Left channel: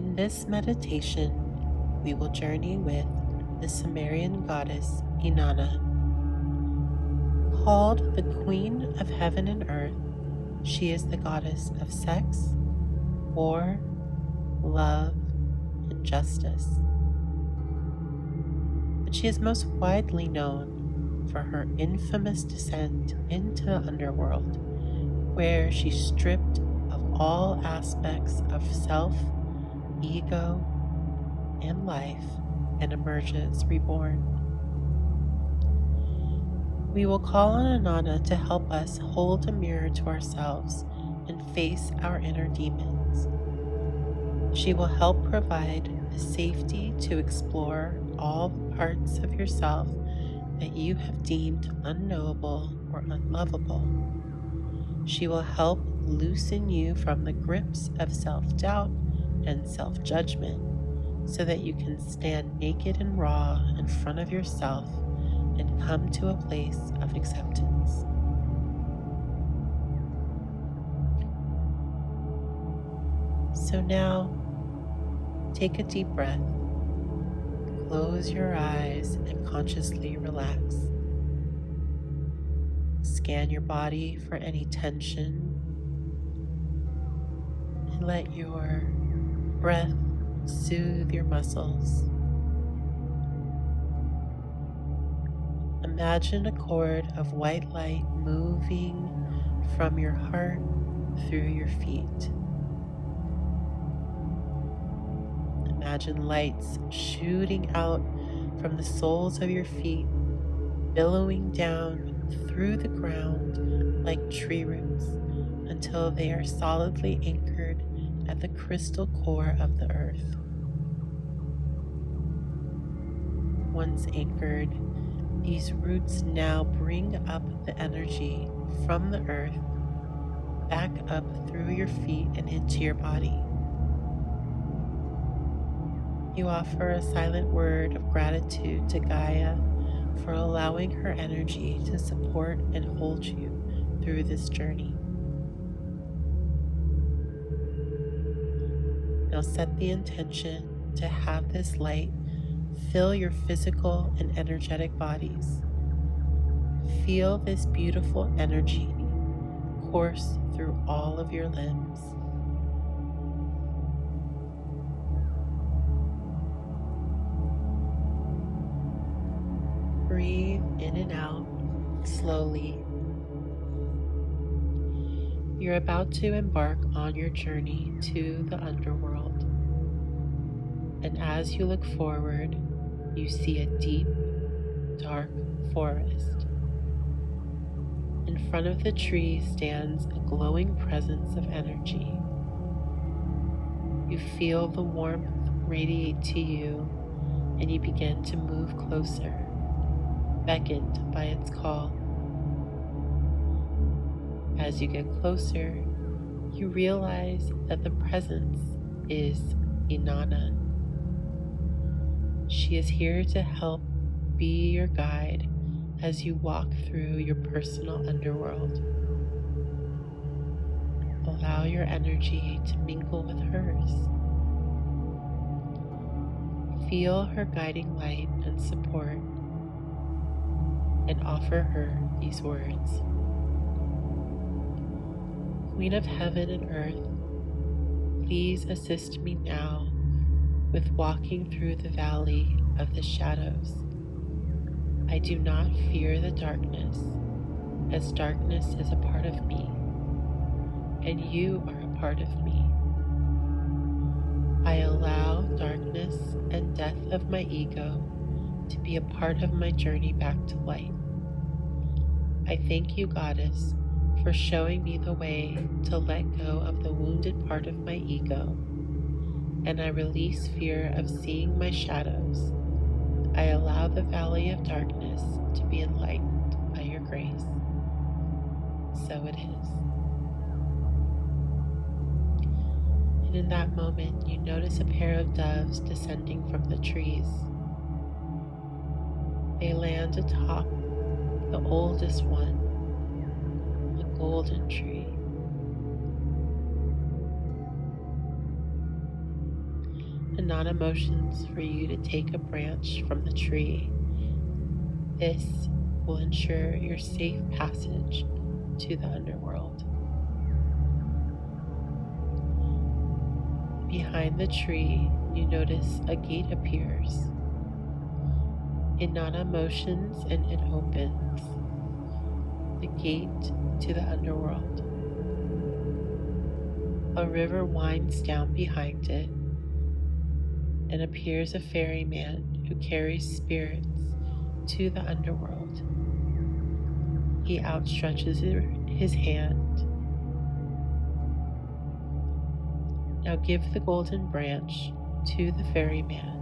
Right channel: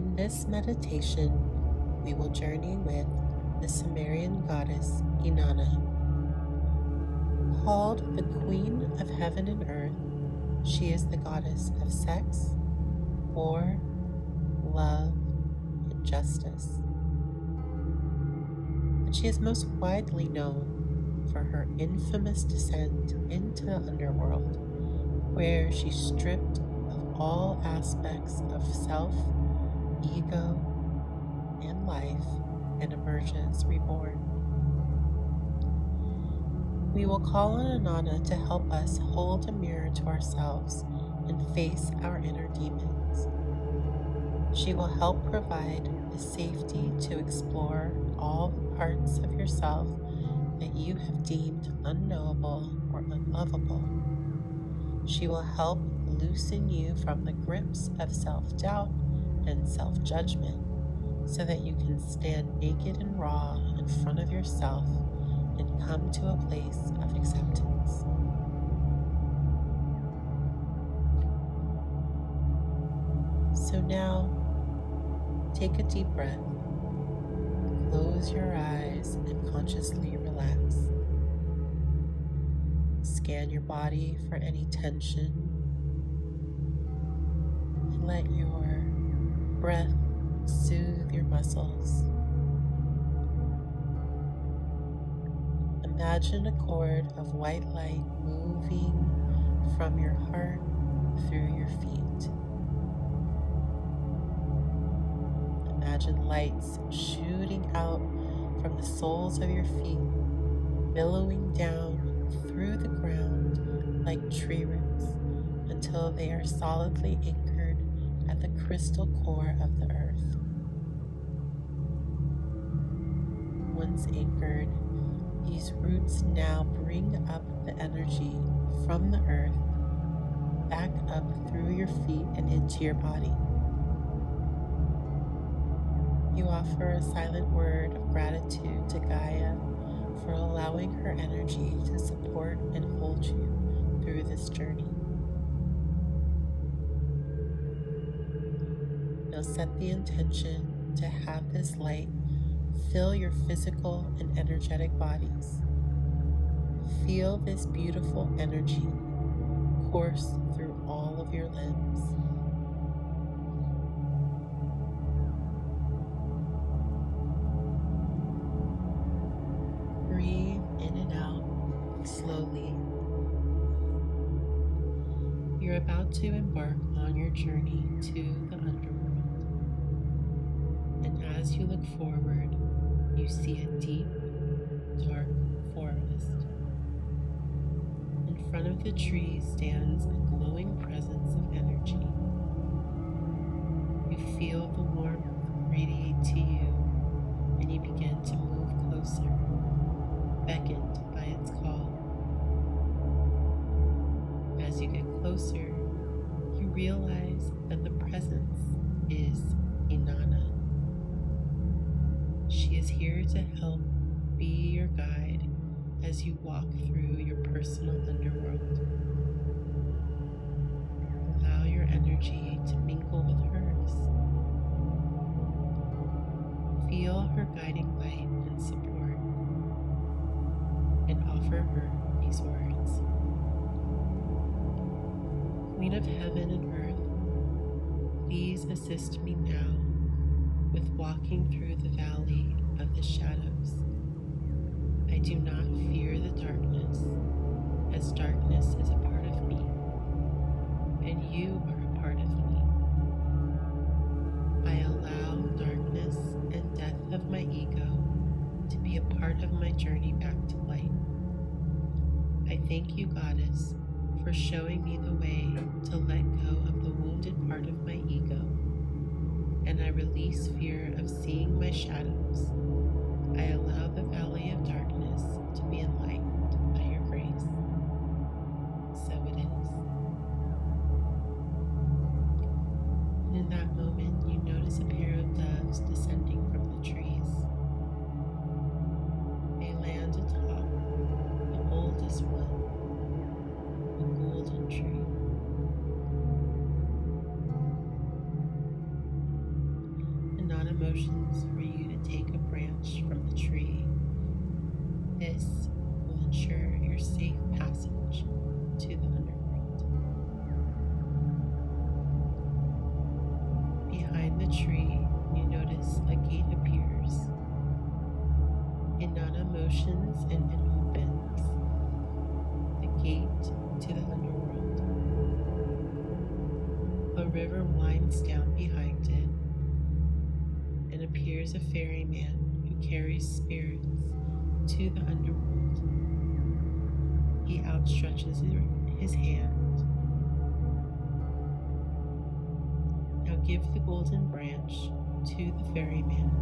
In this meditation, we will journey with the Sumerian goddess Inanna. Called the Queen of Heaven and Earth, she is the goddess of sex, war, love, and justice. But she is most widely known for her infamous descent into the Underworld, where she stripped of all aspects of self, ego, and life and emerges reborn. We will call on Inanna to help us hold a mirror to ourselves and face our inner demons. She will help provide the safety to explore all the parts of yourself that you have deemed unknowable or unlovable. She will help loosen you from the grips of self-doubt and self-judgment so that you can stand naked and raw in front of yourself and come to a place of acceptance. So now, take a deep breath, close your eyes, and consciously relax. Scan your body for any tension and let your breath soothe your muscles. Imagine a cord of white light moving from your heart through your feet. Imagine lights shooting out from the soles of your feet, billowing down through the ground like tree roots until they are solidly anchored at the crystal core of the earth. Once anchored, these roots now bring up the energy from the earth back up through your feet and into your body. You offer a silent word of gratitude to Gaia for allowing her energy to support and hold you through this journey. Now set the intention to have this light fill your physical and energetic bodies. Feel this beautiful energy course through all of your limbs. Breathe in and out slowly. You're about to embark on your journey to the underworld. And as you look forward, you see a deep, dark forest. In front of the tree stands a glowing presence of energy. You feel the warmth radiate to you, and you begin to move closer, beckoned by its call. As you get closer, you realize that the presence is Inanna. She is here to help be your guide as you walk through your personal underworld. Allow your energy to mingle with hers. Feel her guiding light and support, and offer her these words. Queen of Heaven and Earth, please assist me now with walking through the valley of the shadows. I do not fear the darkness, as darkness is a part of me, and you are a part of me. I allow darkness and death of my ego to be a part of my journey back to light. I thank you, Goddess, for showing me the way to let go of the wounded part of my ego, and I release fear of seeing my shadows. I allow the valley of darkness to be enlightened by your grace. So it is. And in that moment, you notice a pair of doves descending from the trees. They land atop the oldest one, the golden tree. Inanna motions for you to take a branch from the tree. This will ensure your safe passage to the underworld. Behind the tree, you notice a gate appears. Inanna motions and it opens. The gate to the underworld. A river winds down behind it, and appears a ferryman who carries spirits to the underworld. He outstretches his hand. Now give the golden branch to the ferryman,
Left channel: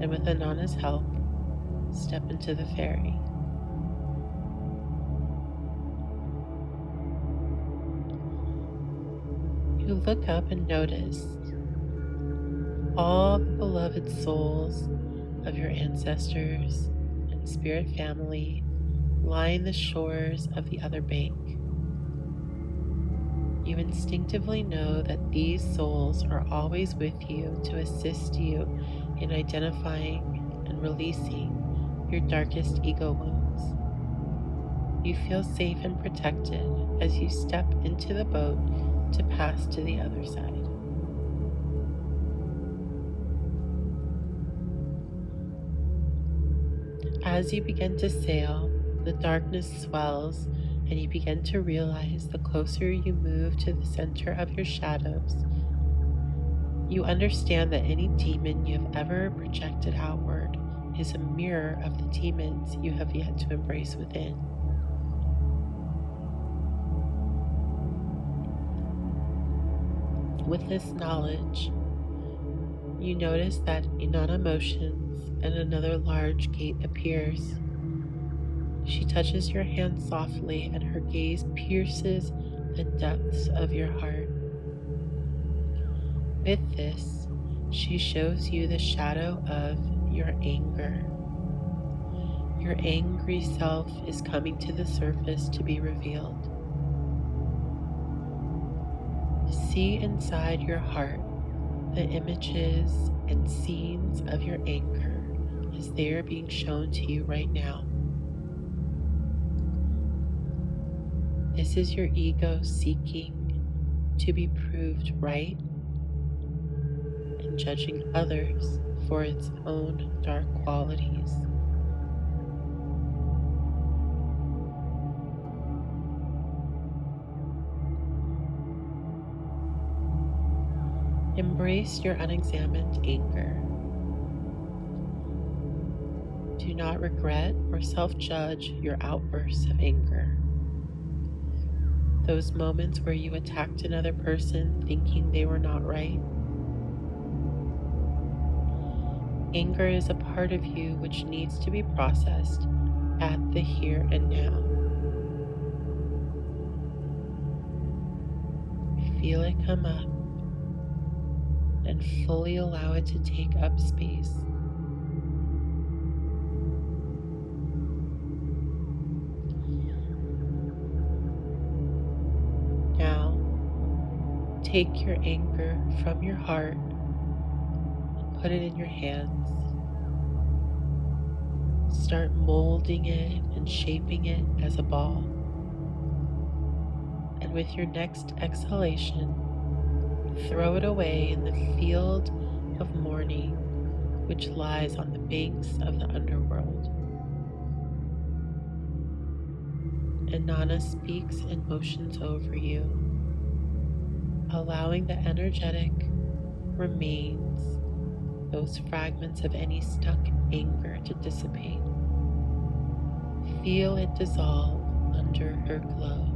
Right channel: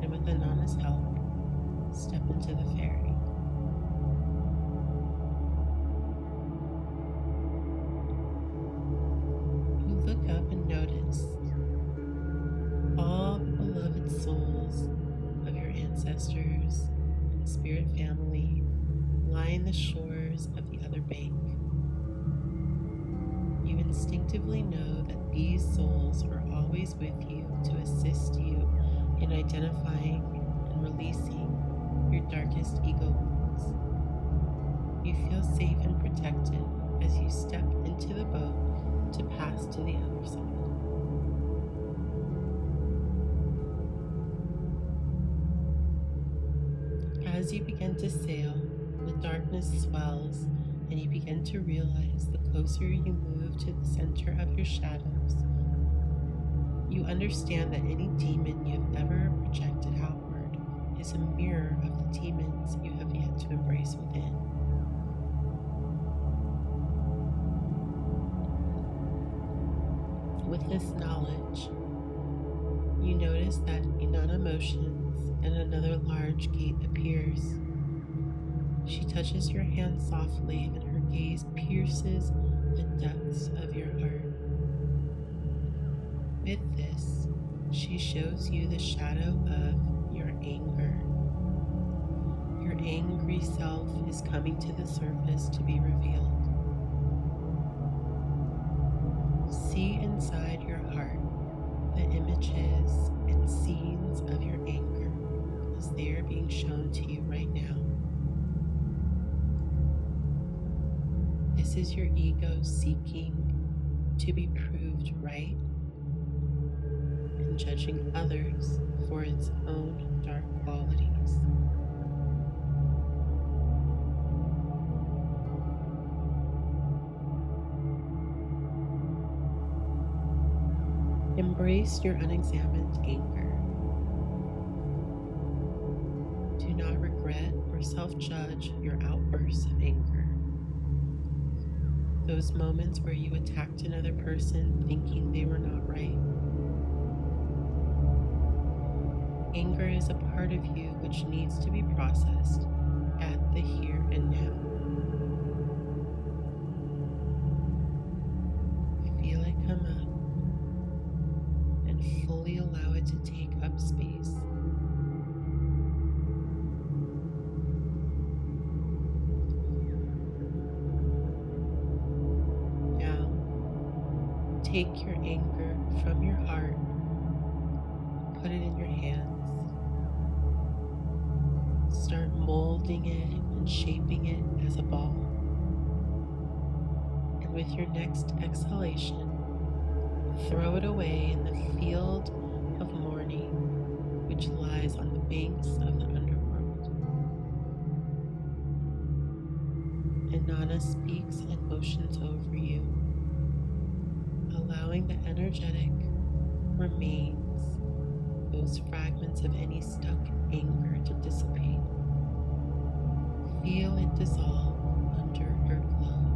and with Inanna's help, step into the ferry. You look up and notice all the beloved souls of your ancestors and spirit family line the shores of the other bank. You instinctively know that these souls are always with you to assist you in identifying and releasing your darkest ego wounds. You feel safe and protected as you step into the boat to pass to the other side. As you begin to sail, the darkness swells and you begin to realize the closer you move to the center of your shadows, you understand that any demon you have ever projected outward is a mirror of the demons you have yet to embrace within. With this knowledge, you notice that Inanna motions and another large gate appears. She touches your hand softly and her gaze pierces the depths of your heart. With this, she shows you the shadow of your anger. Your angry self is coming to the surface to be revealed. See inside your heart the images and scenes of your anger as they are being shown to you right now. This is your ego seeking to be proved right and judging others for its own dark qualities. Embrace your unexamined anger. Do not regret or self-judge your outbursts of anger. Those moments where you attacked another person thinking they were not right. Anger is a part of you which needs to be processed at the here and now. Feel it come up and fully allow it to take up space. Now, take your anger from your heart and put it in your hands. Start molding it and shaping it as a ball. And with your next exhalation, throw it away in the field of mourning which lies on the banks of the underworld. Inanna speaks and motions over you, allowing the energetic remains, those fragments of any stuck anger to dissipate. Feel it dissolve under her glow.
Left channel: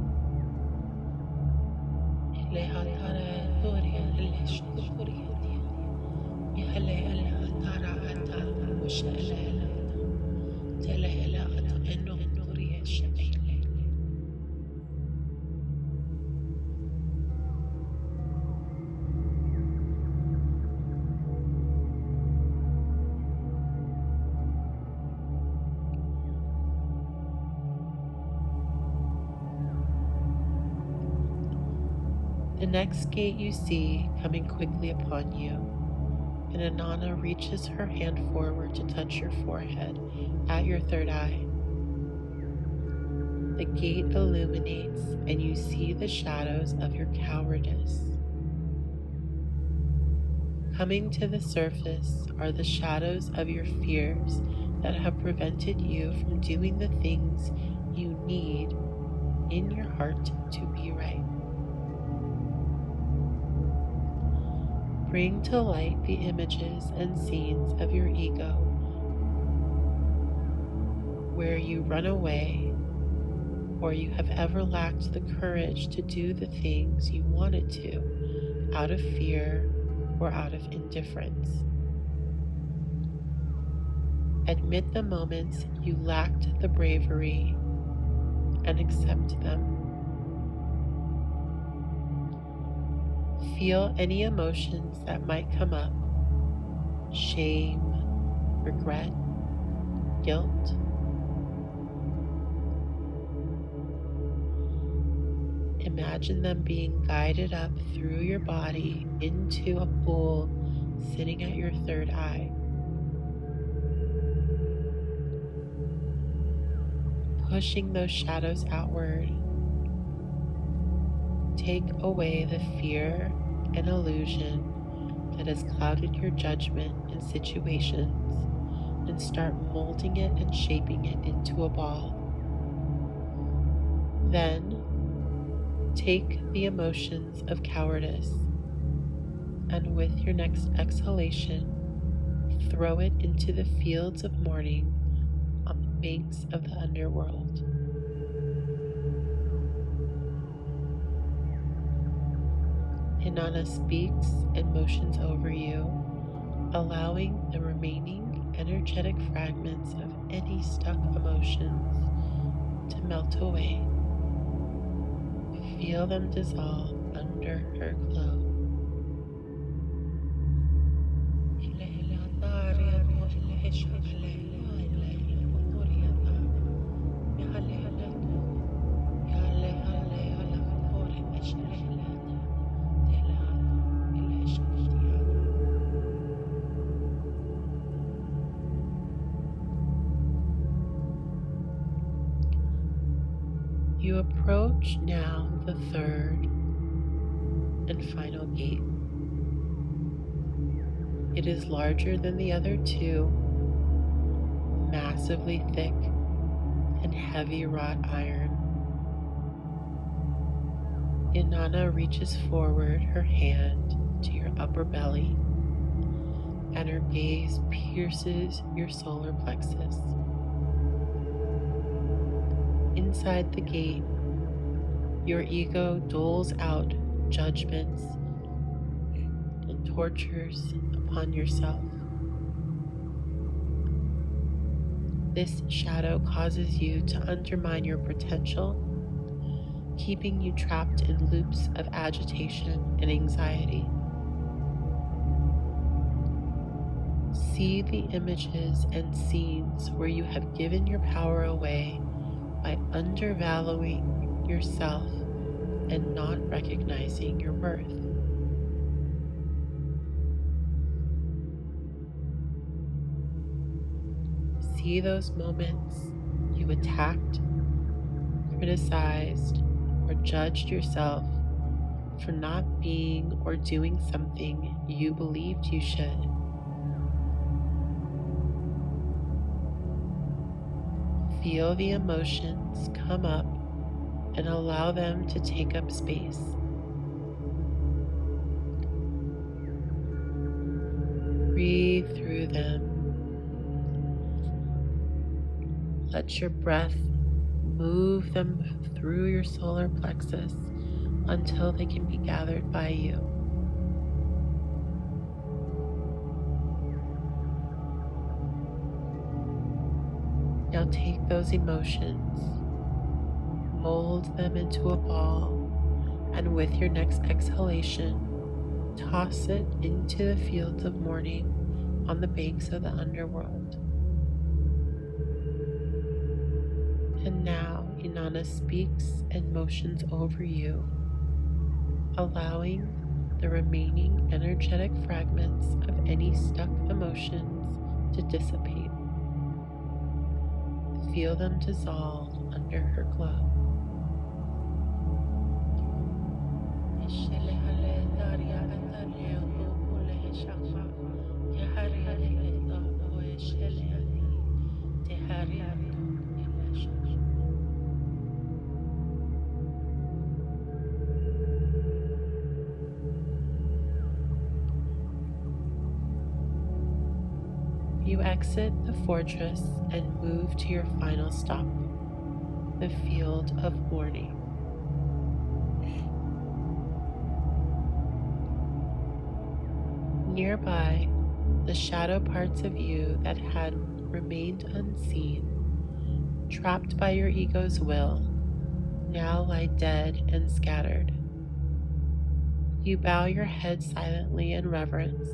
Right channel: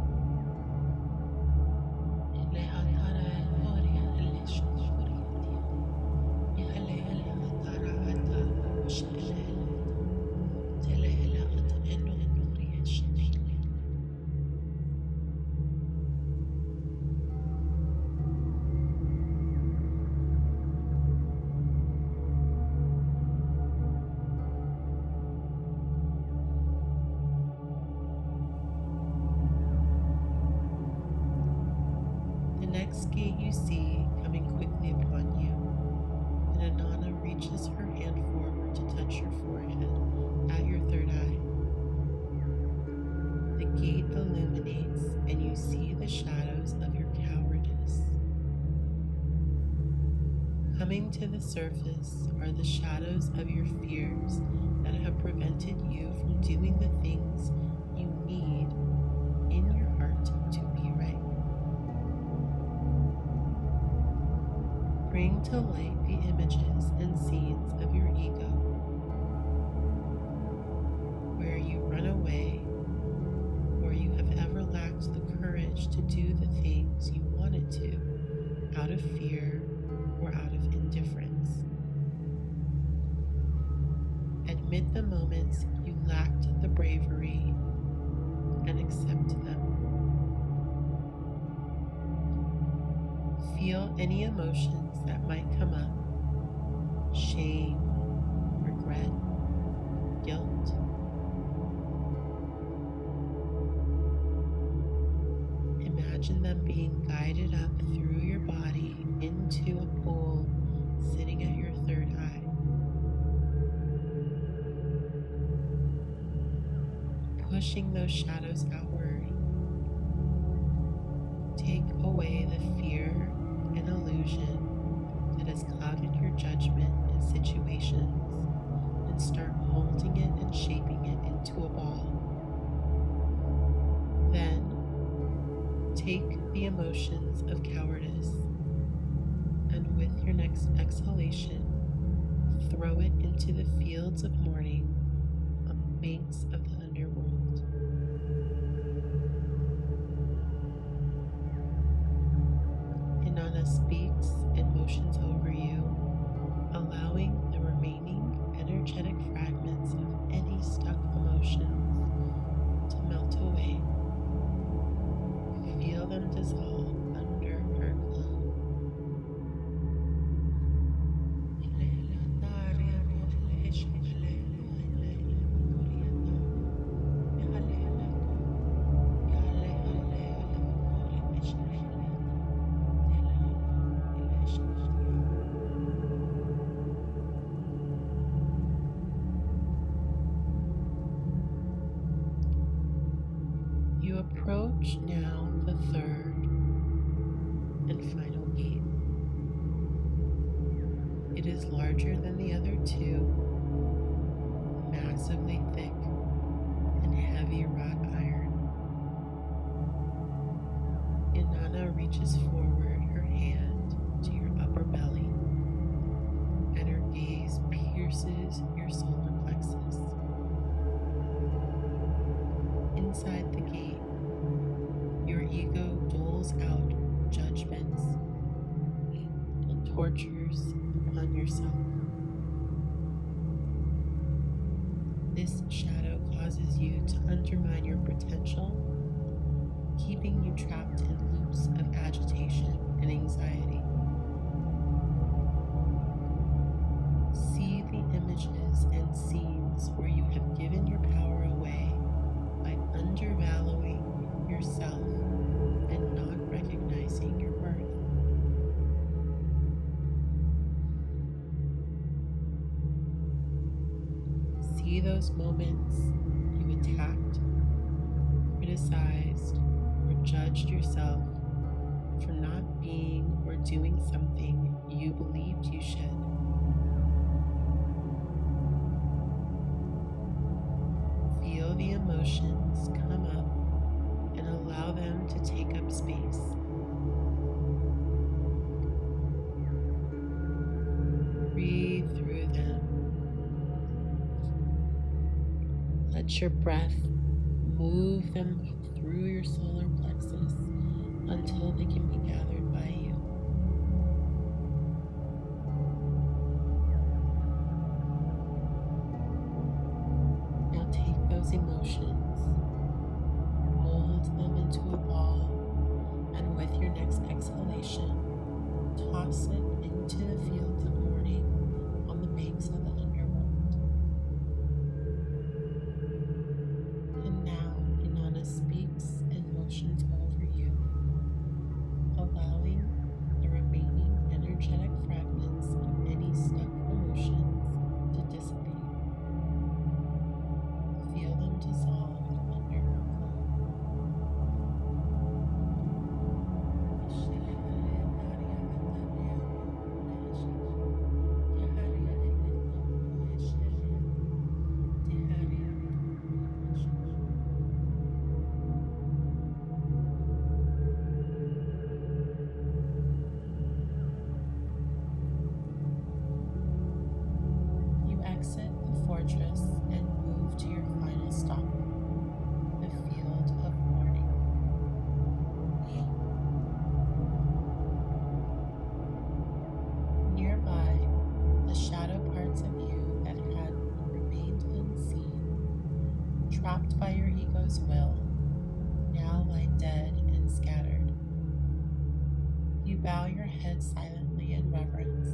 The next gate you see coming quickly upon you and Inanna reaches her hand forward to touch your forehead at your third eye. The gate illuminates and you see the shadows of your cowardice. Coming to the surface are the shadows of your fears that have prevented you from doing the things you need in your heart to be right. Bring to light the images and scenes of your ego where you run away or you have ever lacked the courage to do the things you wanted to out of fear or out of indifference. Admit the moments you lacked the bravery and accept them. Feel any emotions that might come up: shame, regret, guilt. Imagine them being guided up through your body into a pool sitting at your third eye. Pushing those shadows outward, take away the fear and illusion that has clouded your judgment in situations and start molding it and shaping it into a ball. Then take the emotions of cowardice and with your next exhalation, throw it into the fields of mourning on the banks of the underworld. Inanna speaks and motions over you, allowing the remaining energetic fragments of any stuck emotions to melt away. Feel them dissolve under her glow. You approach now the third and final gate. It is larger than the other two, massively thick and heavy wrought iron. Inanna reaches forward her hand to your upper belly, and her gaze pierces your solar plexus. Inside the gate, your ego doles out judgments and tortures upon yourself. This shadow causes you to undermine your potential, keeping you trapped in loops of agitation and anxiety. See the images and scenes where you have given your power away by undervaluing yourself and not recognizing your worth. See those moments you attacked, criticized, or judged yourself for not being or doing something you believed you should. Feel the emotions come up and allow them to take up space. Breathe through them. Let your breath move them through your solar plexus until they can be gathered by you. Now take those emotions, mold them into a ball, and with your next exhalation, toss it into the fields of mourning on the banks of the underworld. And now Inanna speaks and motions over you, allowing the remaining energetic fragments of any stuck emotions to dissipate. Feel them dissolve under her glow. You exit the fortress and move to your final stop, the field of mourning. Nearby, the shadow parts of you that had remained unseen, trapped by your ego's will, now lie dead and scattered. You bow your head silently in reverence,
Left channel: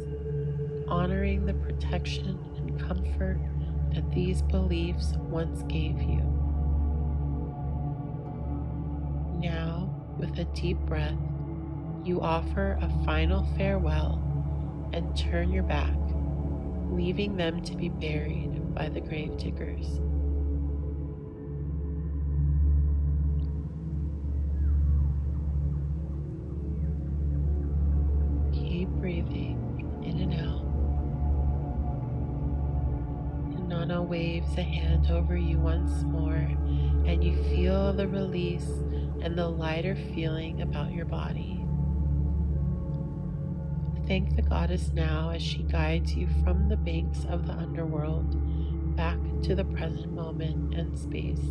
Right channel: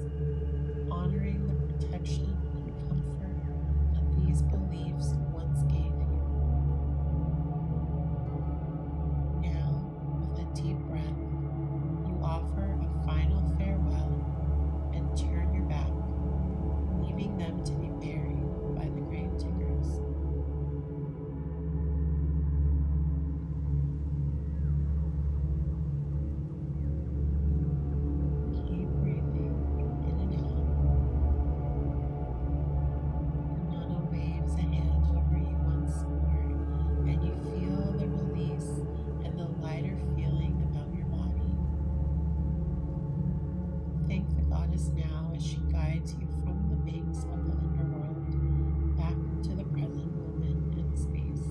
honoring the protection and comfort that these beliefs once gave you. Now, with a deep breath, you offer a final farewell and turn your back, leaving them to be buried by the grave diggers. Keep breathing in and out. Inanna waves a hand over you once more, and you feel the release and the lighter feeling about your body. Thank the goddess now as she guides you from the banks of the underworld back to the present moment and space.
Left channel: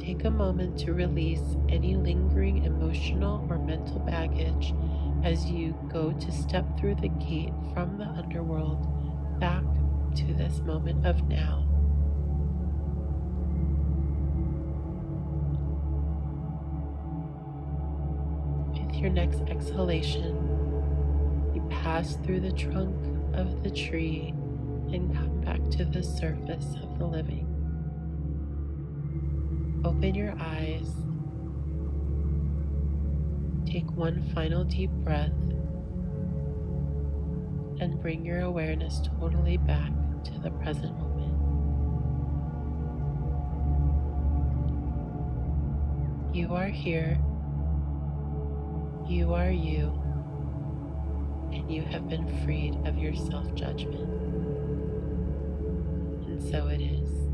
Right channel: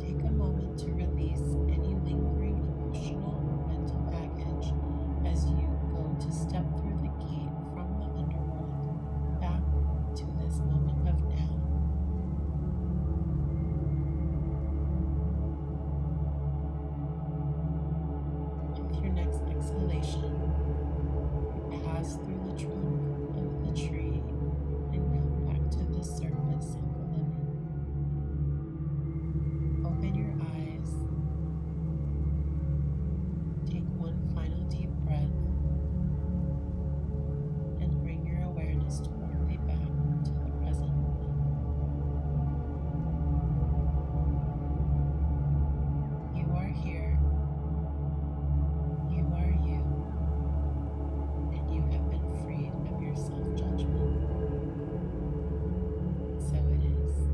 Take a moment to release any lingering emotional or mental baggage as you go to step through the gate from the underworld back to this moment of now. With your next exhalation, you pass through the trunk of the tree and come back to the surface of the living. Open your eyes. Take one final deep breath and bring your awareness totally back to the present moment. You are here. You are you. And you have been freed of your self-judgment. And so it is.